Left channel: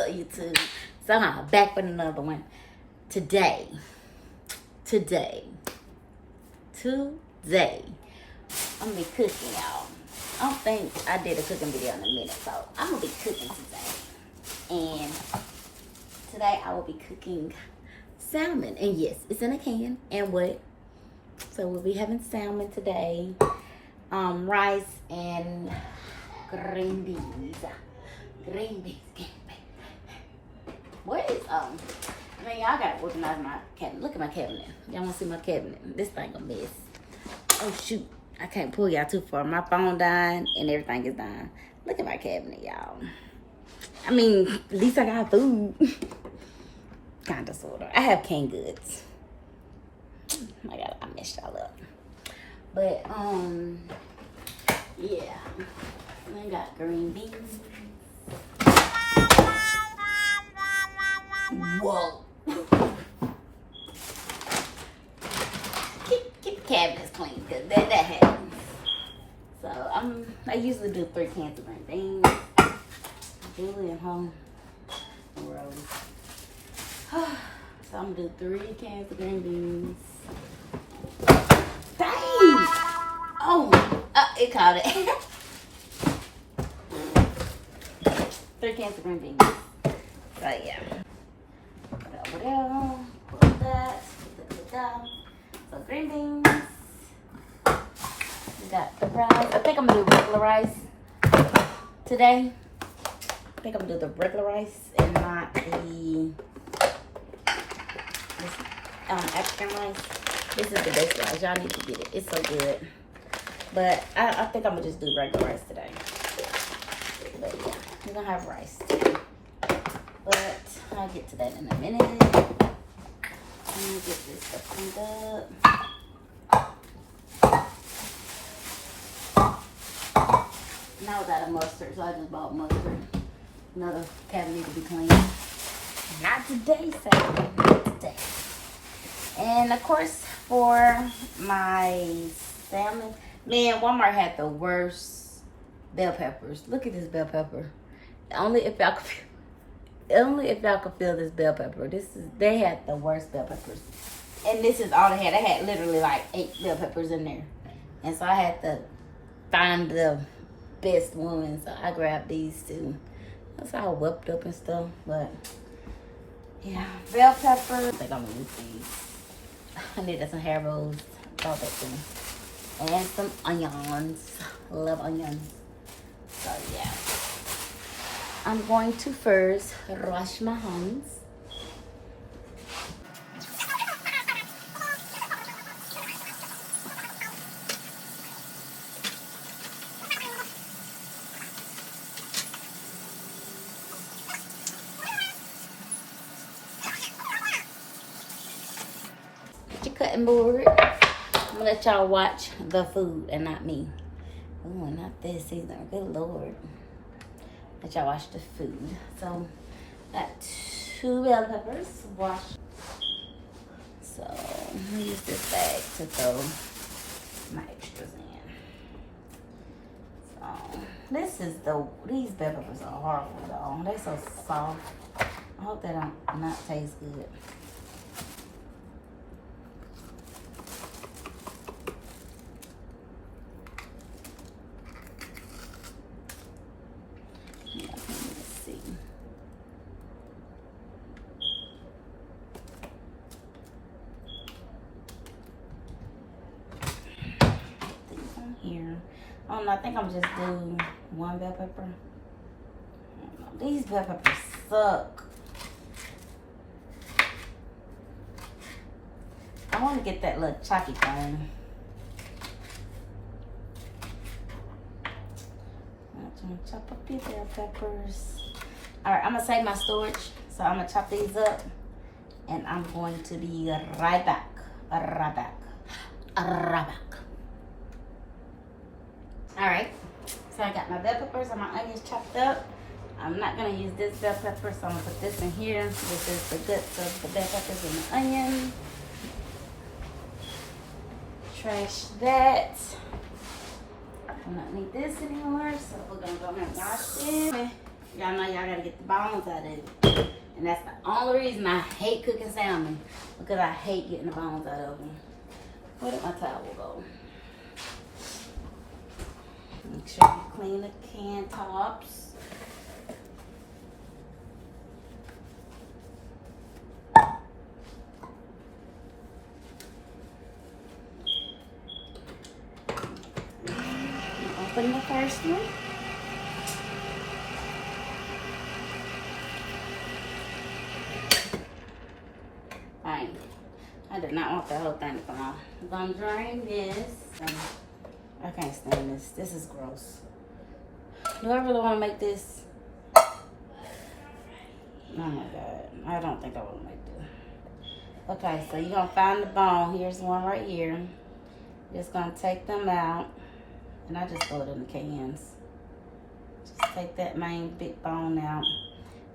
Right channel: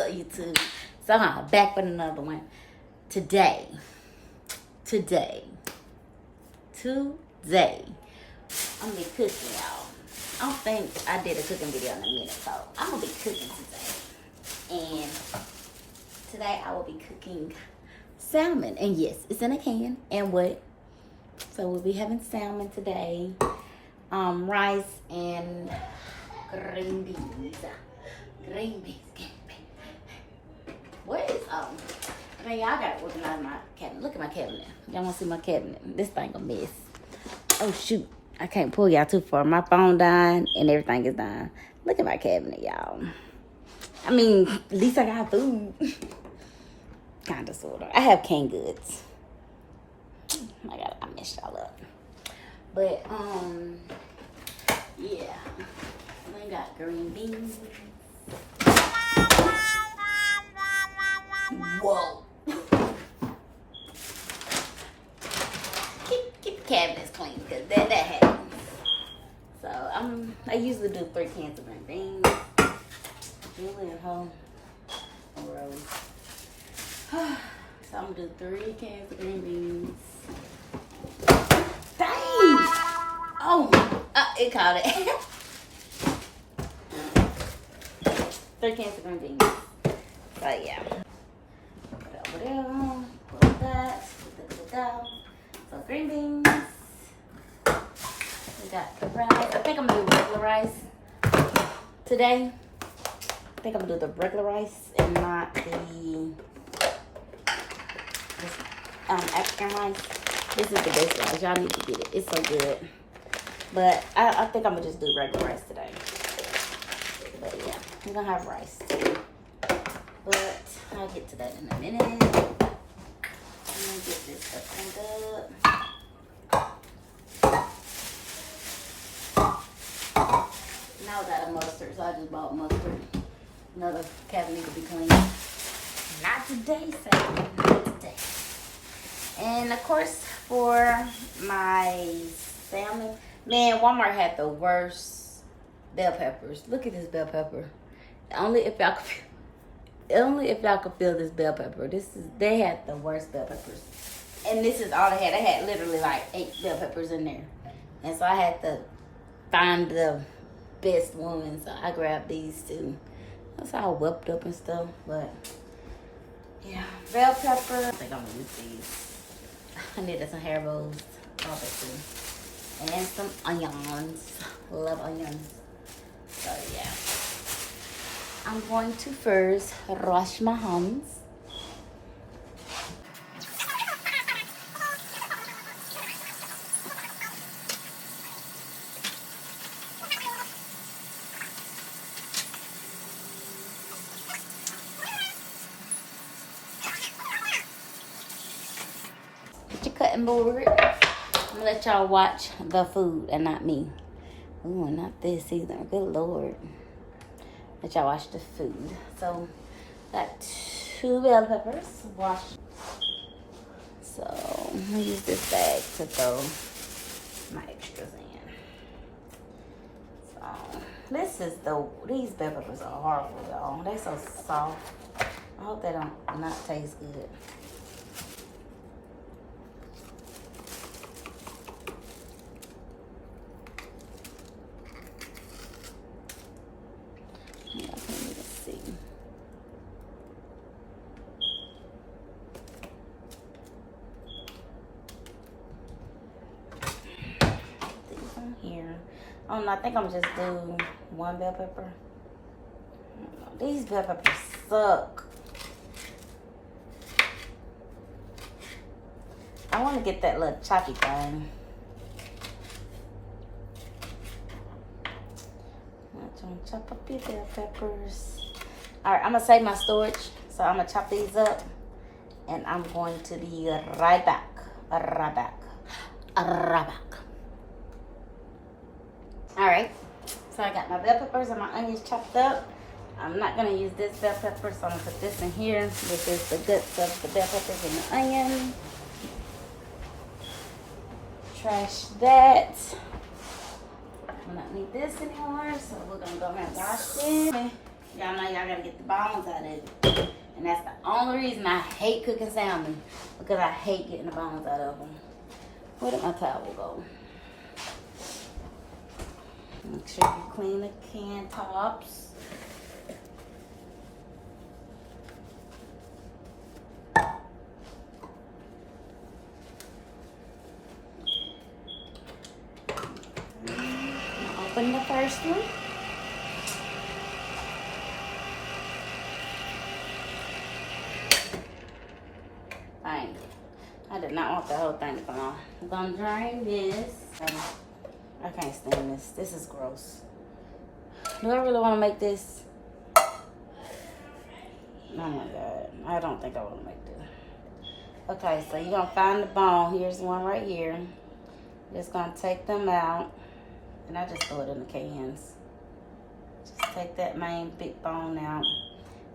What's up, YouTube? So I'm back with another one. Today, I'm gonna be cooking, y'all. I don't think I did a cooking video in a minute, so I'm gonna be cooking today. And today I will be cooking salmon. And yes, it's in a can. And what? So we'll be having salmon today. Rice and green beans. Where is man, y'all gotta organize my cabinet. Look at my cabinet. Y'all wanna see my cabinet? This thing a mess. Oh shoot. I can't pull y'all too far. My phone died and everything is dying. Look at my cabinet, y'all. I mean, at least I got food. Kinda sorta. I have canned goods. I messed y'all up. But yeah. I got green beans. Whoa. keep the cabinets clean, because that happens. So I usually do 3 cans of green beans. Julie and home. Rose. So I'm gonna do 3 cans of green beans. Dang! Oh, it caught it. 3 cans of green beans. So yeah. Put it over there. Put that. Put it down. So green beans. We got the rice. I think I'm gonna do regular rice today. I think I'm gonna do the regular rice and not the African rice. This is the best rice. Y'all need to get it. It's so good. But I think I'm gonna just do regular rice today. But yeah, we're gonna have rice today. But I'll get to that in a minute. I'm gonna get this stuff cleaned up. Now I got a mustard, so I just bought mustard. Another cabinet need to be cleaned. Not today, Saturday. Not today. And of course, for my salmon, man, Walmart had the worst bell peppers. Look at this bell pepper. Only if y'all could feel this bell pepper. They had the worst bell peppers. And this is all they had. They had literally like 8 bell peppers in there. And so I had to find the best one. So I grabbed these 2. That's all whipped up and stuff. But yeah, bell pepper. I think I'm gonna use these. I needed some hair bows. All that too. And some onions. Love onions. So yeah. I'm going to first wash my hands. Get your cutting board. I'm gonna let y'all watch the food and not me. Ooh, not this either. Good Lord. Let y'all watch the food. So, got 2 bell peppers washed. So, I'm gonna use this bag to throw my extras in. So, these bell peppers are horrible, y'all. They're so soft. I hope they don't not taste good. I don't know, I think I'm just do 1 bell pepper. I don't know. These bell peppers suck. I want to get that little choppy thing. I'm gonna chop up your bell peppers. Alright, I'm gonna save my storage. So I'm gonna chop these up. And I'm going to be right back. Right back. Alright, so I got my bell peppers and my onions chopped up. I'm not going to use this bell pepper, so I'm going to put this in here. This is the guts of the bell peppers and the onion. Trash that. I do not need this anymore, so we're going to go ahead and wash them. Y'all know y'all gotta get the bones out of it. And that's the only reason I hate cooking salmon. Because I hate getting the bones out of them. Where did my towel go? Make sure you clean the can tops. Open the first one. Dang. I did not want the whole thing to come off. I'm gonna drain this. I can't stand this. This is gross. Do I really want to make this? Oh my God. I don't think I want to make this. Okay, so you're going to find the bone. Here's one right here. Just going to take them out. And I just throw it in the cans. Just take that main big bone out.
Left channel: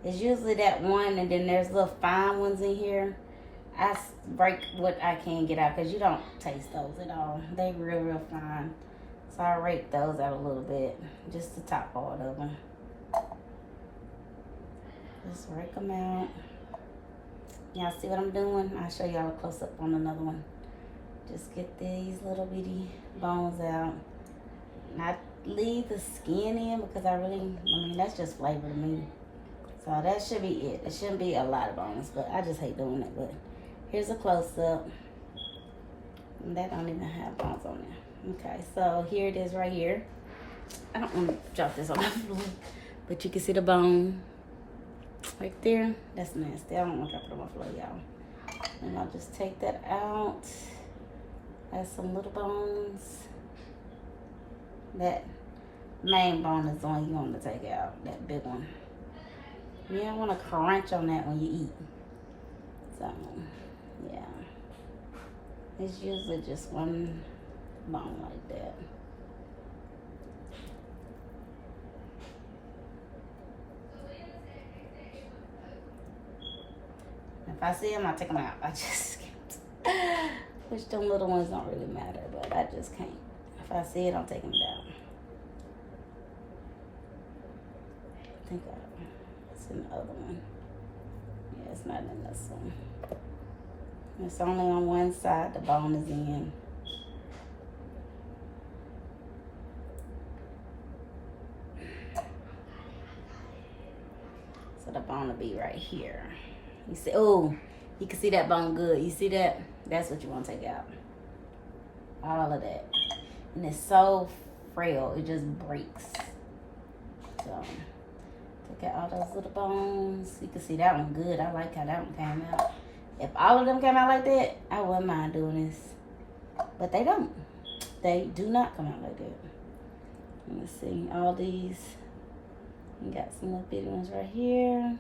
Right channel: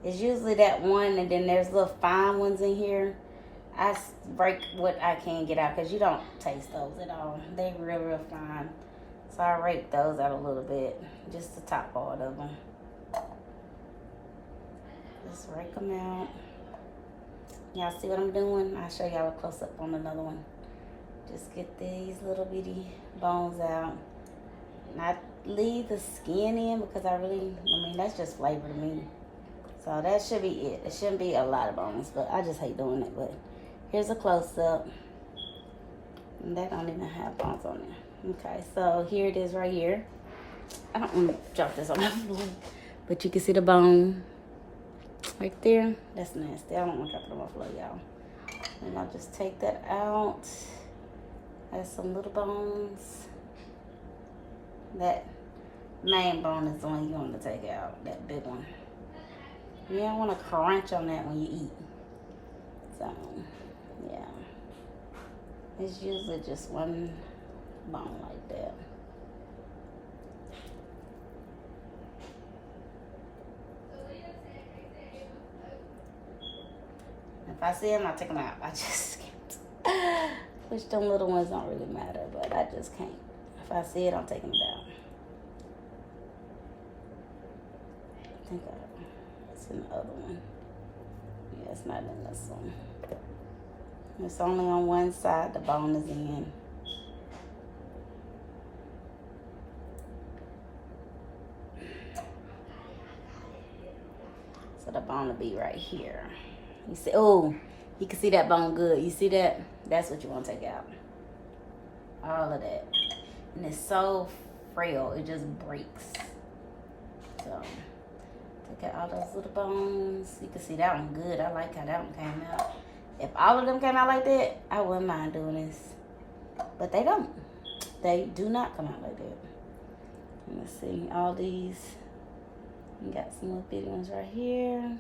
It's usually that one, and then there's little fine ones in here. I break what I can get out because you don't taste those at all. They real fine. So I rake those out a little bit. Just the top part of them. Just rake them out. Y'all see what I'm doing? I'll show y'all a close up on another one. Just get these little bitty bones out. Not leave the skin in because that's just flavor to me. So that should be it. It shouldn't be a lot of bones, but I just hate doing it. But here's a close up. And that don't even have bones on there. Okay, so here it is right here. I don't want to drop this on my floor, but you can see the bone right there. That's nasty. I don't want to drop it on my floor, y'all. And I'll just take that out. Add some little bones. That main bone is the one you want to take out, that big one. You don't want to crunch on that when you eat. So, yeah. It's usually just one bone like that. If I see them, I take them out. I just can't. Which them little ones don't really matter, but I just can't. If I see it, I'll take them down. I think it's in the other one. Yeah, it's not in this one. It's only on one side the bone is in. So the bone will be right here. You see, oh, you can see that bone good. You see that? That's what you want to take out. All of that. And it's so frail, it just breaks. So, take out all those little bones. You can see that one good. I like how that one came out. If all of them came out like that, I wouldn't mind doing this. But they don't. They do not come out like that. Let's see, all these. You got some little bitty ones right here.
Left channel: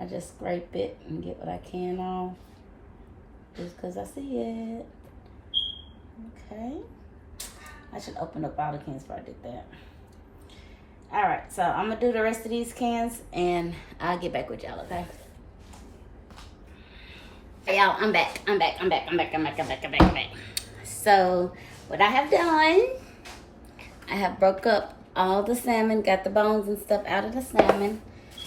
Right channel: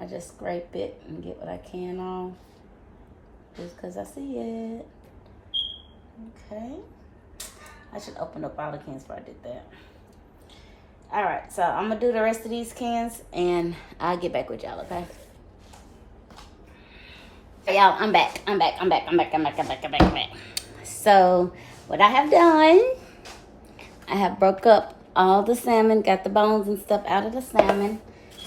I just scrape it and get what I can off. Just because I see it. Okay. I should open up all the cans before I did that. Alright, so I'm going to do the rest of these cans and I'll get back with y'all, okay? Y'all, I'm back. So, what I have done, I have broke up all the salmon, got the bones and stuff out of the salmon.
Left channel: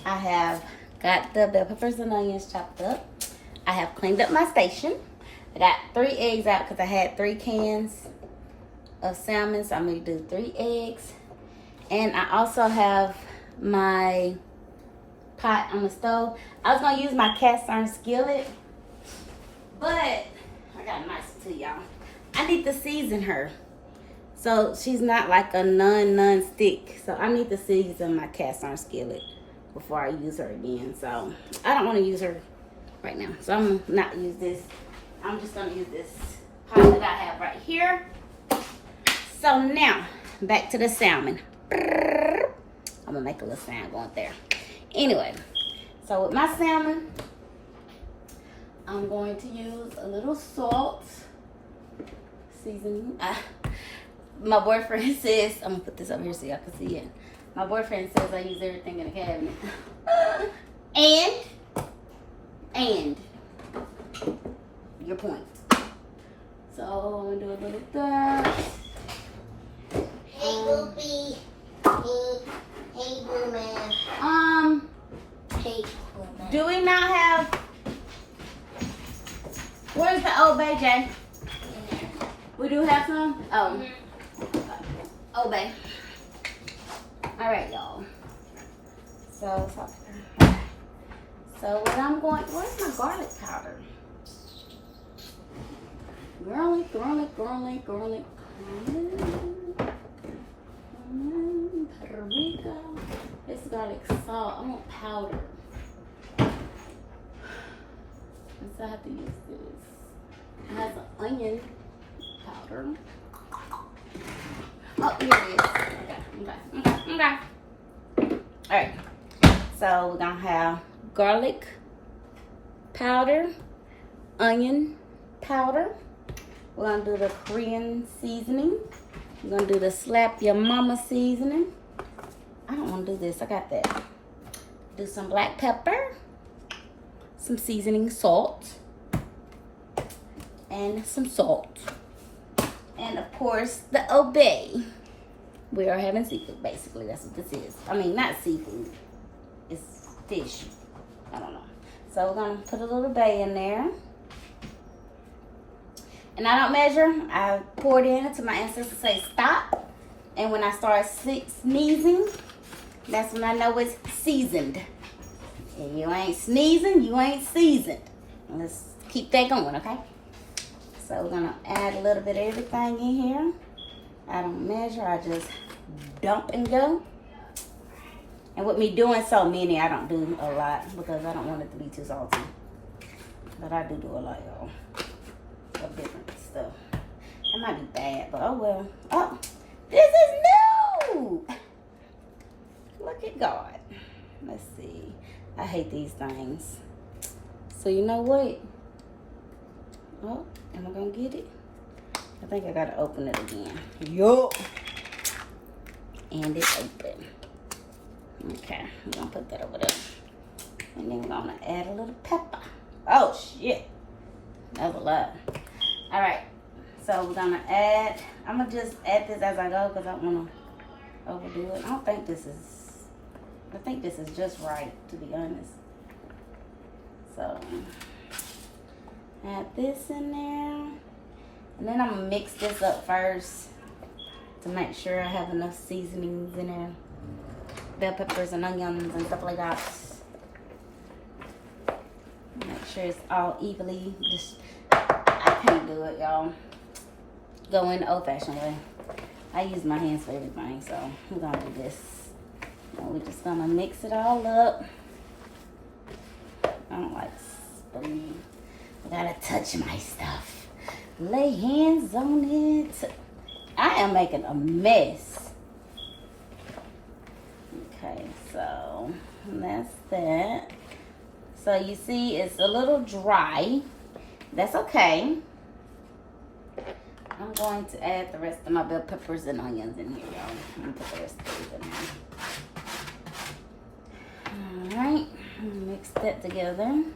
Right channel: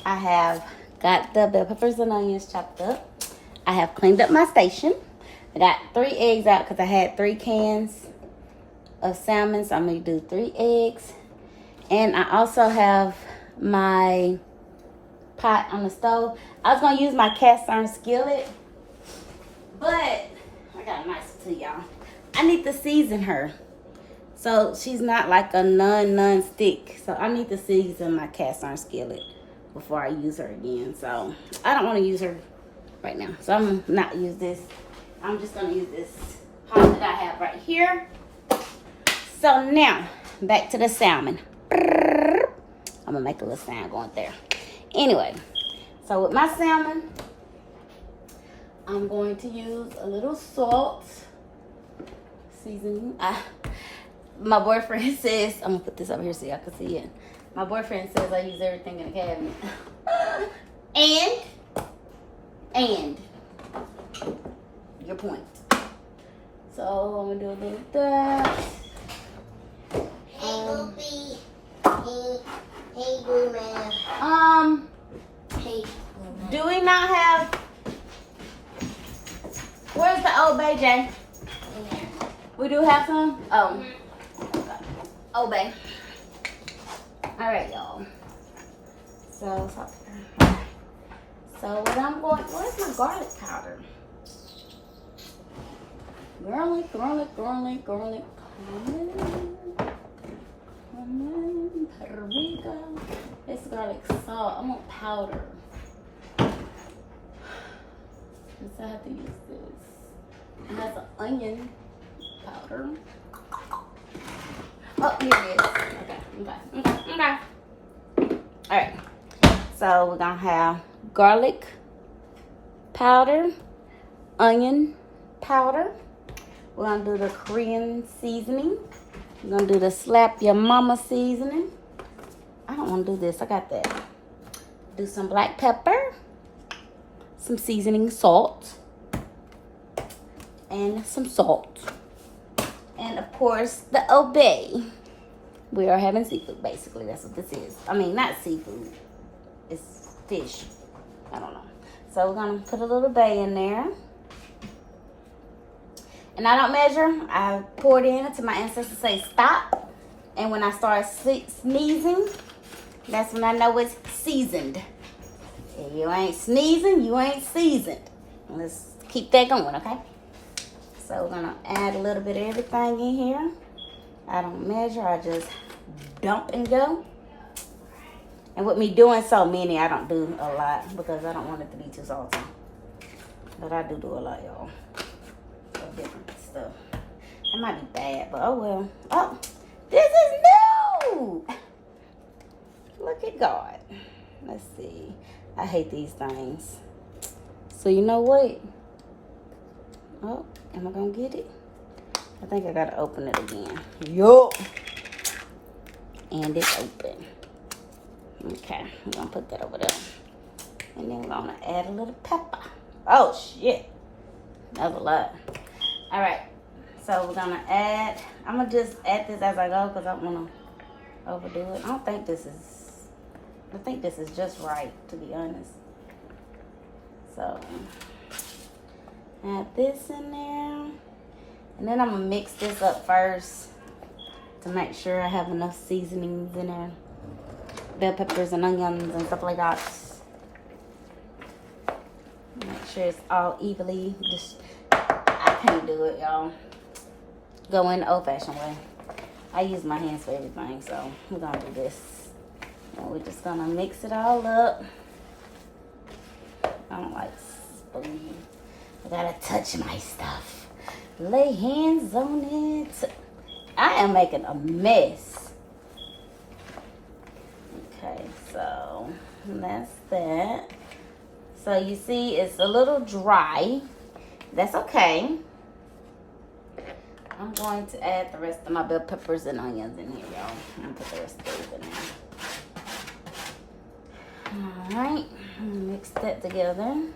I have got the bell peppers and onions chopped up. I have cleaned up my station. I got 3 eggs out because I had 3 cans of salmon, so I'm going to do 3 eggs. And I also have my pot on the stove. I was going to use my cast iron skillet, but I got a nice to y'all. I need to season her. So she's not like a non-stick. So I need to season my cast iron skillet before I use her again. So I don't want to use her right now. So I'm not use this. I'm just going to use this pot that I have right here. So now, back to the salmon. I'm going to make a little sound going there. Anyway, so with my salmon, I'm going to use a little salt. Seasoning. My boyfriend says, I'm going to put this over here so y'all can see it. My boyfriend says I use everything in the cabinet. And your point. So I'm going to do a little of that. Hey, Goofy. Hey, Boo Man. Do we not have? Where's the Old Bay, Jay? We do have some? Oh. Old Bay. Alright, y'all. So I'm going, where's my garlic powder? Garlic. Puerto Rico. This garlic salt. I want powder. So I have to use this. It has an onion powder. Oh, here it is. Okay. Alright. So we're gonna have garlic powder, onion powder. We're gonna do the Korean seasoning. We're gonna do the slap your mama seasoning. I don't wanna do this, I got that. Do some black pepper, some seasoning salt, and some salt. And of course, the obey. We are having seafood, basically. That's what this is. I mean, not seafood. It's fish. I don't know. So we're going to put a little bay in there. And I don't measure. I pour it in until my ancestors say stop. And when I start sneezing, that's when I know it's seasoned. If you ain't sneezing, you ain't seasoned. Let's keep that going, okay? So we're going to add a little bit of everything in here. I don't measure. I just dump and go. And with me doing so many, I don't do a lot because I don't want it to be too salty. But I do a lot, y'all, of different stuff. It might be bad, but oh well. Oh, this is new. Look at God. Let's see. I hate these things. So you know what? Oh, am I gonna get it? I think I gotta open it again. Yup. And it's open. Okay, we're gonna put that over there. And then we're gonna add a little pepper. Oh shit. That's a lot. Alright. So we're gonna add, I'm gonna just add this as I go because I don't wanna overdo it. I think this is just right, to be honest. So add this in there. And then I'm gonna mix this up first to make sure I have enough seasonings in there. Bell peppers and onions and stuff like that. Make sure it's all evenly. I can't do it, y'all. Go in the old-fashioned way. I use my hands for everything, so we're gonna do this. And we're just gonna mix it all up. I don't like spoon. I gotta touch my stuff. Lay hands on it. I am making a mess. Okay, so that's that. So you see it's a little dry. That's okay. I'm going to add the rest of my bell peppers and onions in here, y'all. I'm gonna put the rest of these in there. Alright, mix that together.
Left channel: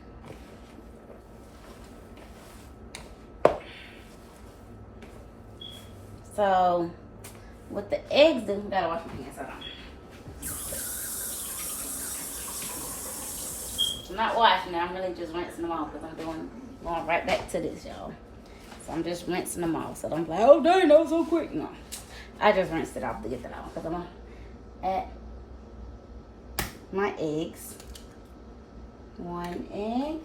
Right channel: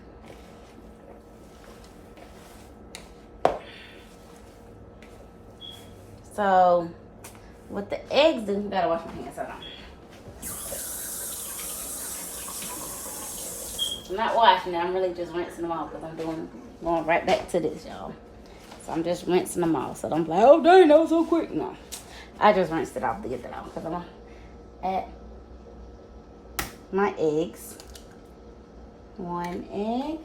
So with the eggs, I gotta wash my hands. Hold on. I'm not washing it. I'm really just rinsing them off because I'm going right back to this, y'all. So I'm just rinsing them off. So don't be like, oh dang, that was so quick. No, I just rinsed it off to get that off because I'm gonna add my eggs. 1 egg,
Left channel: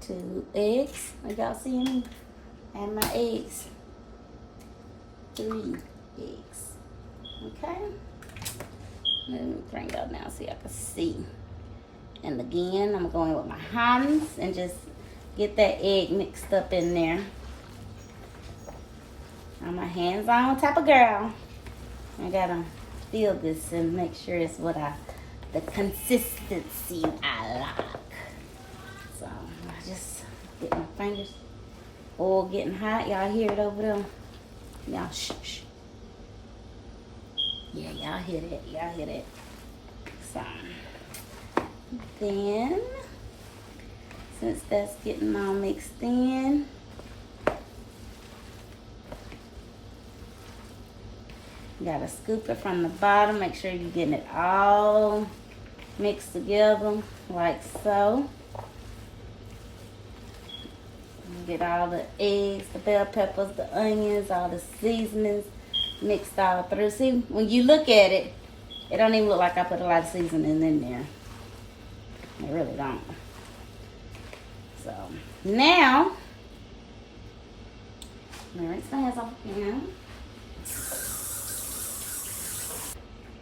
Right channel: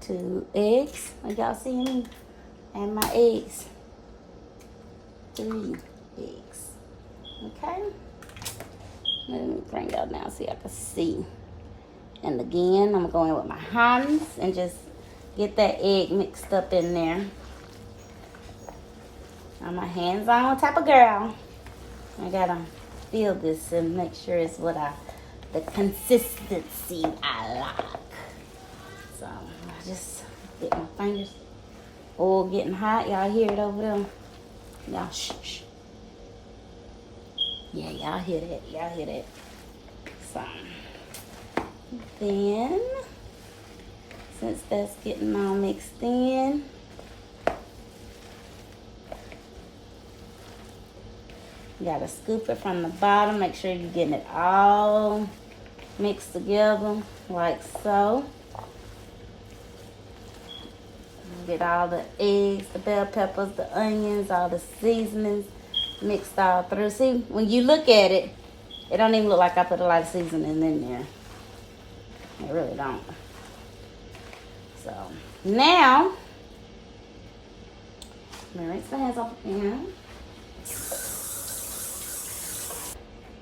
2 eggs. Like y'all see me? And my eggs. 3 eggs. Okay. Let me bring y'all down so y'all can see. And again, I'm going with my hands and just get that egg mixed up in there. Now my hands on type of girl. I gotta feel this and make sure it's the consistency I like. So I just get my fingers. Oil getting hot. Y'all hear it over there? Y'all shh. Yeah, y'all hear that. Y'all hear that. So then, since that's getting all mixed in, you gotta scoop it from the bottom. Make sure you're getting it all Mix together like so. Get all the eggs, the bell peppers, the onions, all the seasonings mixed all through. See, when you look at it, it don't even look like I put a lot of seasoning in there. It really don't. So now, rinse my hands off now.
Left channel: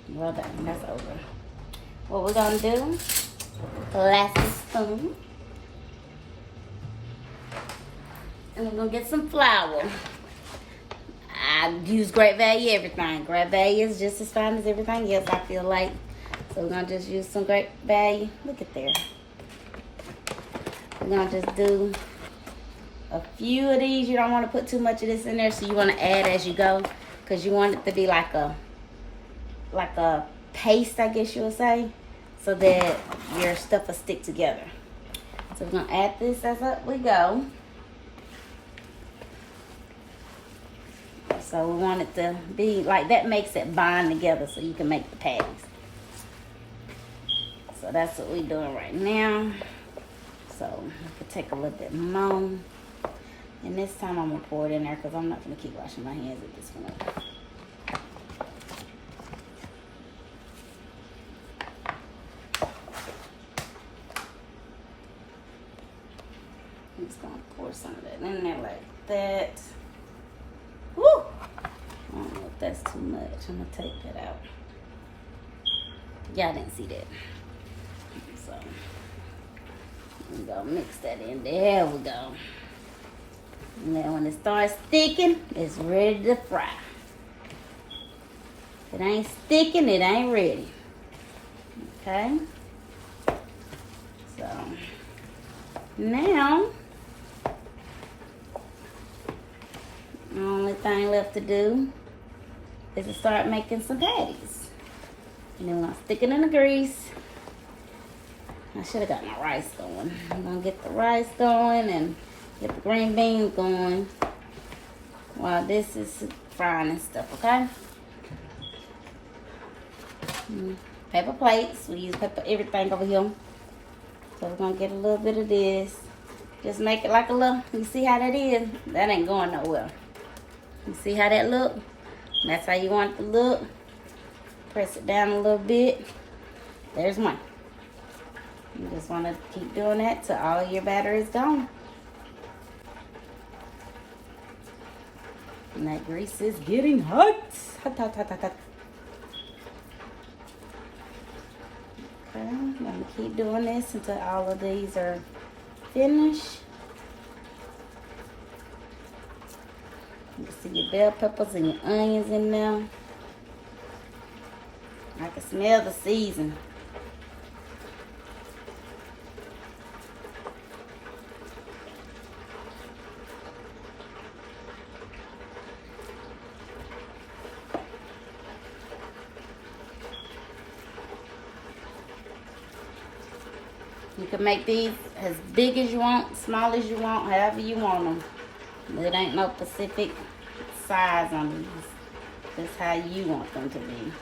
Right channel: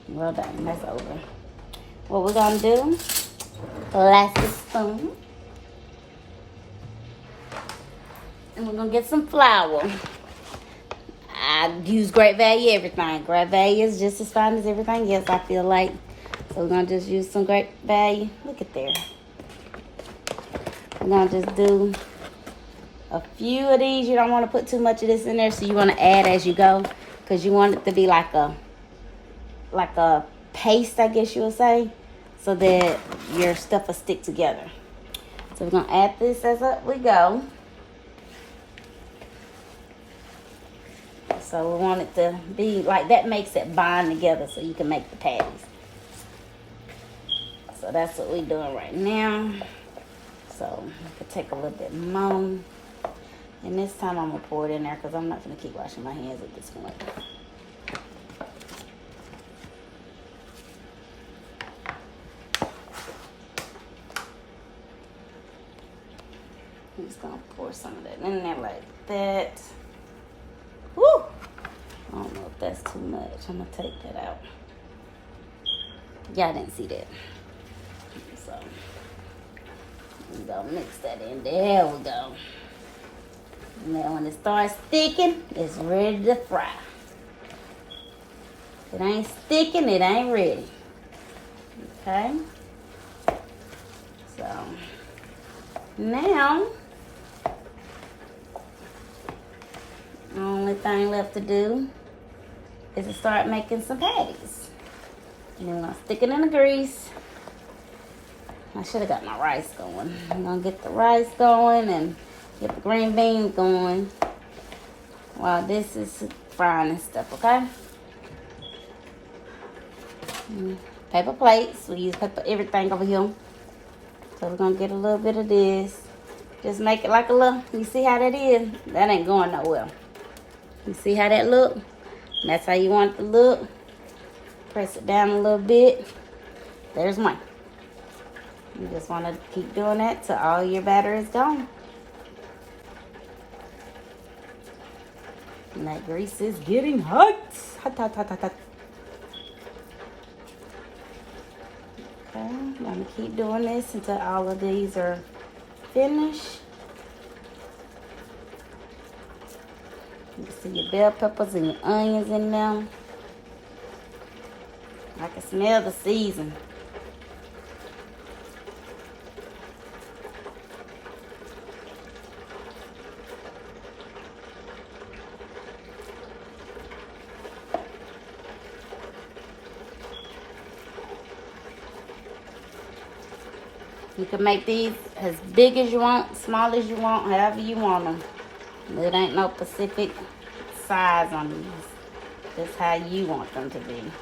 Well done, that's over. What we're gonna do, plastic spoon. And we're gonna get some flour. I use Great Value everything. Great Value is just as fine as everything else, I feel like. So we're gonna just use some Great Value. Look at there. We're gonna just do a few of these. You don't want to put too much of this in there, so you want to add as you go, because you want it to be like a paste, I guess you would say, so that your stuff will stick together. So we're gonna add this as we go. So we want it to be like that, makes it bind together so you can make the patties. So that's what we're doing right now. So I could take a little bit more. And this time I'm gonna pour it in there because I'm not gonna keep washing my hands at this point. I'm just gonna pour some of that in there like that. Woo! I don't know if that's too much. I'm gonna take that out. Y'all didn't see that. So we gonna mix that in. There we go. And then when it starts sticking, it's ready to fry. If it ain't sticking, it ain't ready. Okay? So now, the only thing left to do is to start making some patties. And then we're gonna stick it in the grease. I should have got my rice going. I'm gonna get the rice going and get the green beans going while this is frying and stuff, okay? Paper plates. We use paper everything over here. So we're gonna get a little bit of this. Just make it like a little, you see how that is? That ain't going nowhere. You see how that look? That's how you want it to look. Press it down a little bit. There's mine. You just want to keep doing that till all your batter is gone. And that grease is getting hot. Hot, hot, hot, hot, hot. Okay, I'm going to keep doing this until all of these are finished. You see your bell peppers and your onions in there. I can smell the season. You can make these as big as you want, small as you want, however you want them. There ain't no specific size on these. It's how you want them to be.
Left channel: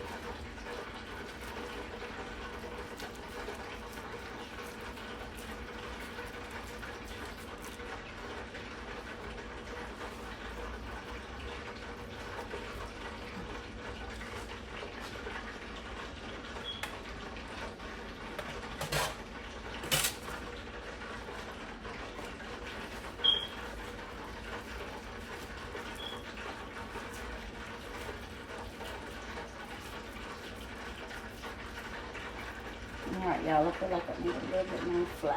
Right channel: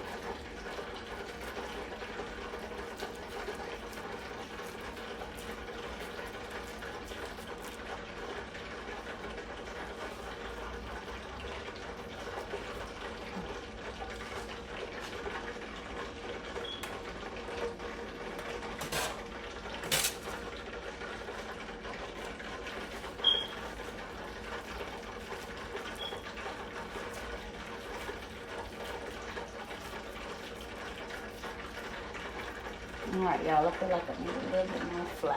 Alright, y'all, look like I need a little bit more flour.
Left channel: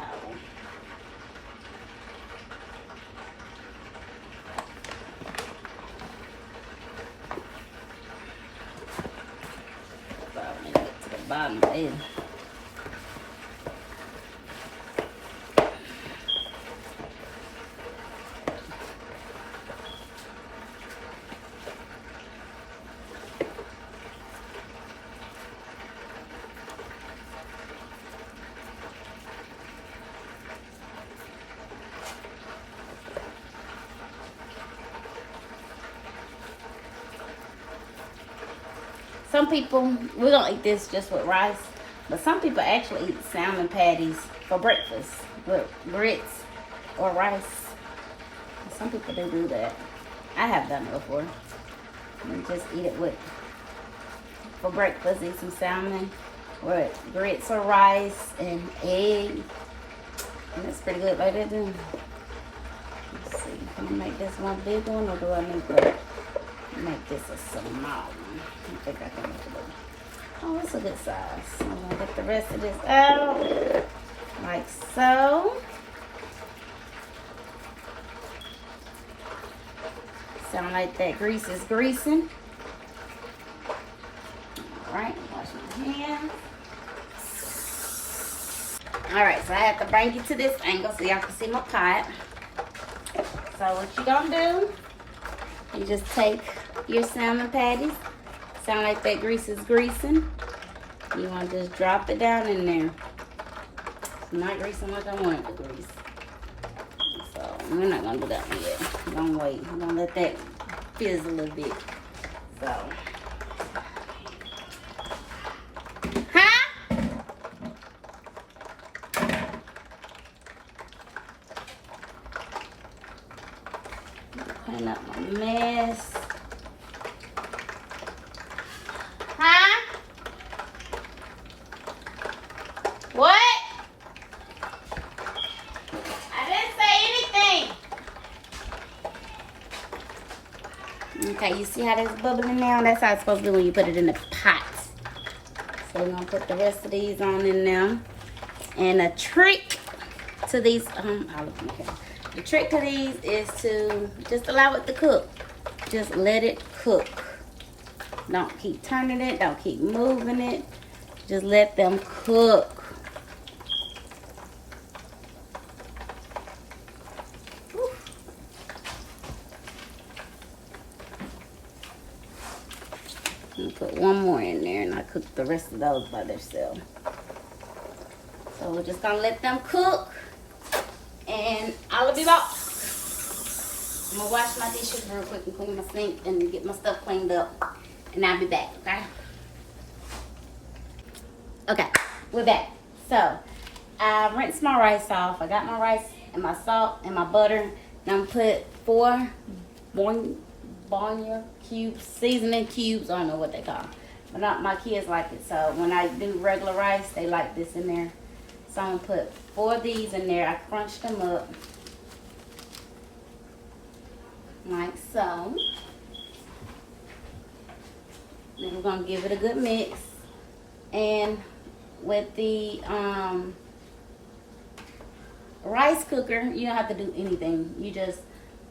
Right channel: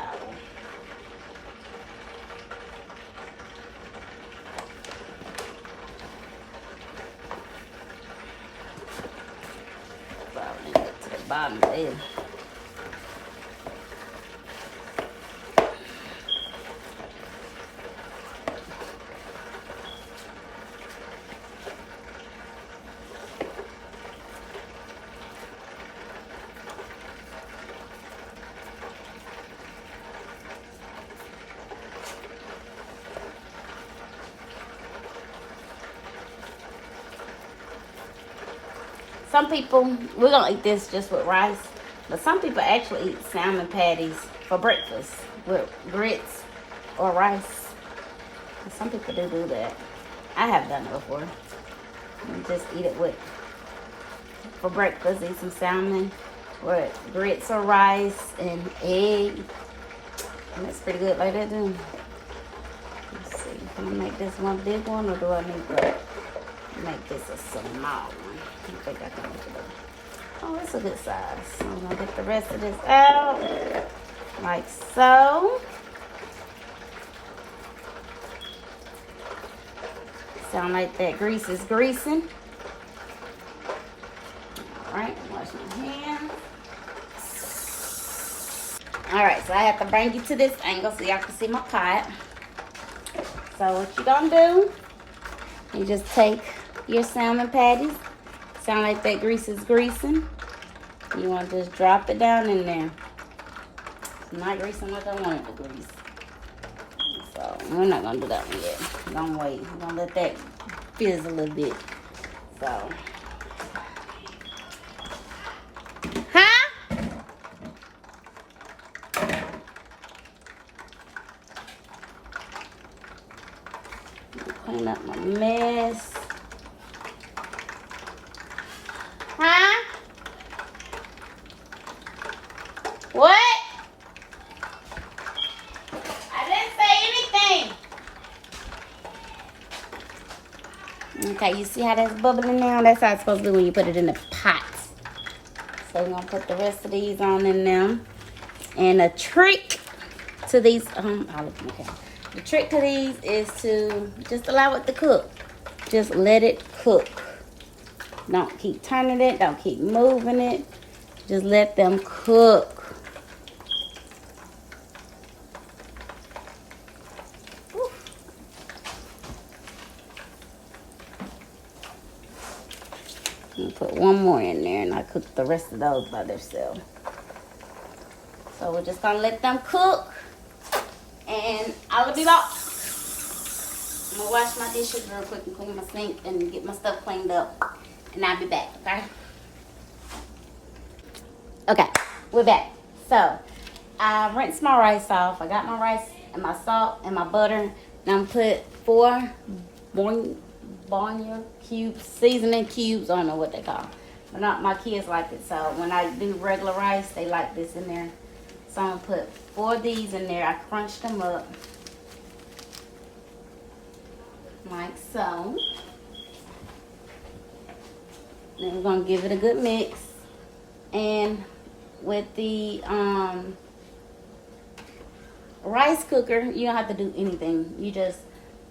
Flour and get to the bottom there. Some people, we're gonna eat this just with rice. But some people actually eat salmon patties for breakfast with grits or rice. And some people do that. I have done it before. And just eat it with, for breakfast, eat some salmon with grits or rice and egg. And it's pretty good like that, then. Let's see, can I make this one big one, or do I need to make this a small one? I think I can make it a, oh, it's a good size. So I'm gonna get the rest of this out, like so. Sound like that grease is greasing. All right, wash my hands. All right, so I have to bring you to this angle so y'all can see my pot. So what you gonna do, you just take your salmon patties. Sound like that grease is greasing. You wanna just drop it down in there. It's not greasing like I want it to grease. So we're not gonna do that one yet. We're gonna wait. We're gonna let that fizzle a little bit. So. Clean up my mess. Huh? What? I didn't say anything. Okay, you see how that's bubbling now? That's how it's supposed to be when you put it in the pot. So we're gonna put the rest of these on in now. And a trick to these, okay. The trick to these is to just allow it to cook. Just let it cook. Don't keep turning it. Don't keep moving it. Just let them cook. I'll put one more in there and I'll cook the rest of those by themselves. So we're just gonna let them cook. And I'll be back. I'm gonna wash my dishes real quick and clean my sink and get my stuff cleaned up. And I'll be back, okay? Okay, we're back. So, I rinsed my rice off. I got my rice and my salt and my butter. And I'm gonna put 4 Barnia cubes, seasoning cubes. I don't know what they call them. But not, my kids like it. So, when I do regular rice, they like this in there. So I'm gonna put 4 of these in there. I crunched them up like so. Then we're gonna give it a good mix. And with the rice cooker, you don't have to do anything. You just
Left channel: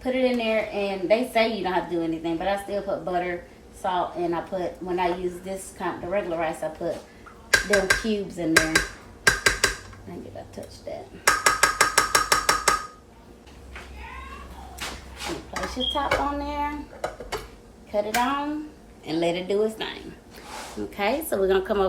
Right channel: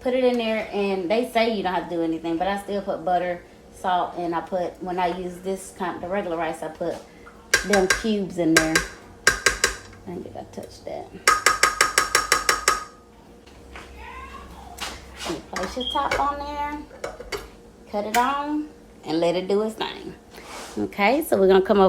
put it in there, and they say you don't have to do anything, but I still put butter, salt, and I put, when I use this kind, the regular rice, I put them cubes in there. I think I touched that. And place your top on there, cut it on, and let it do its thing. Okay, so we're gonna come over.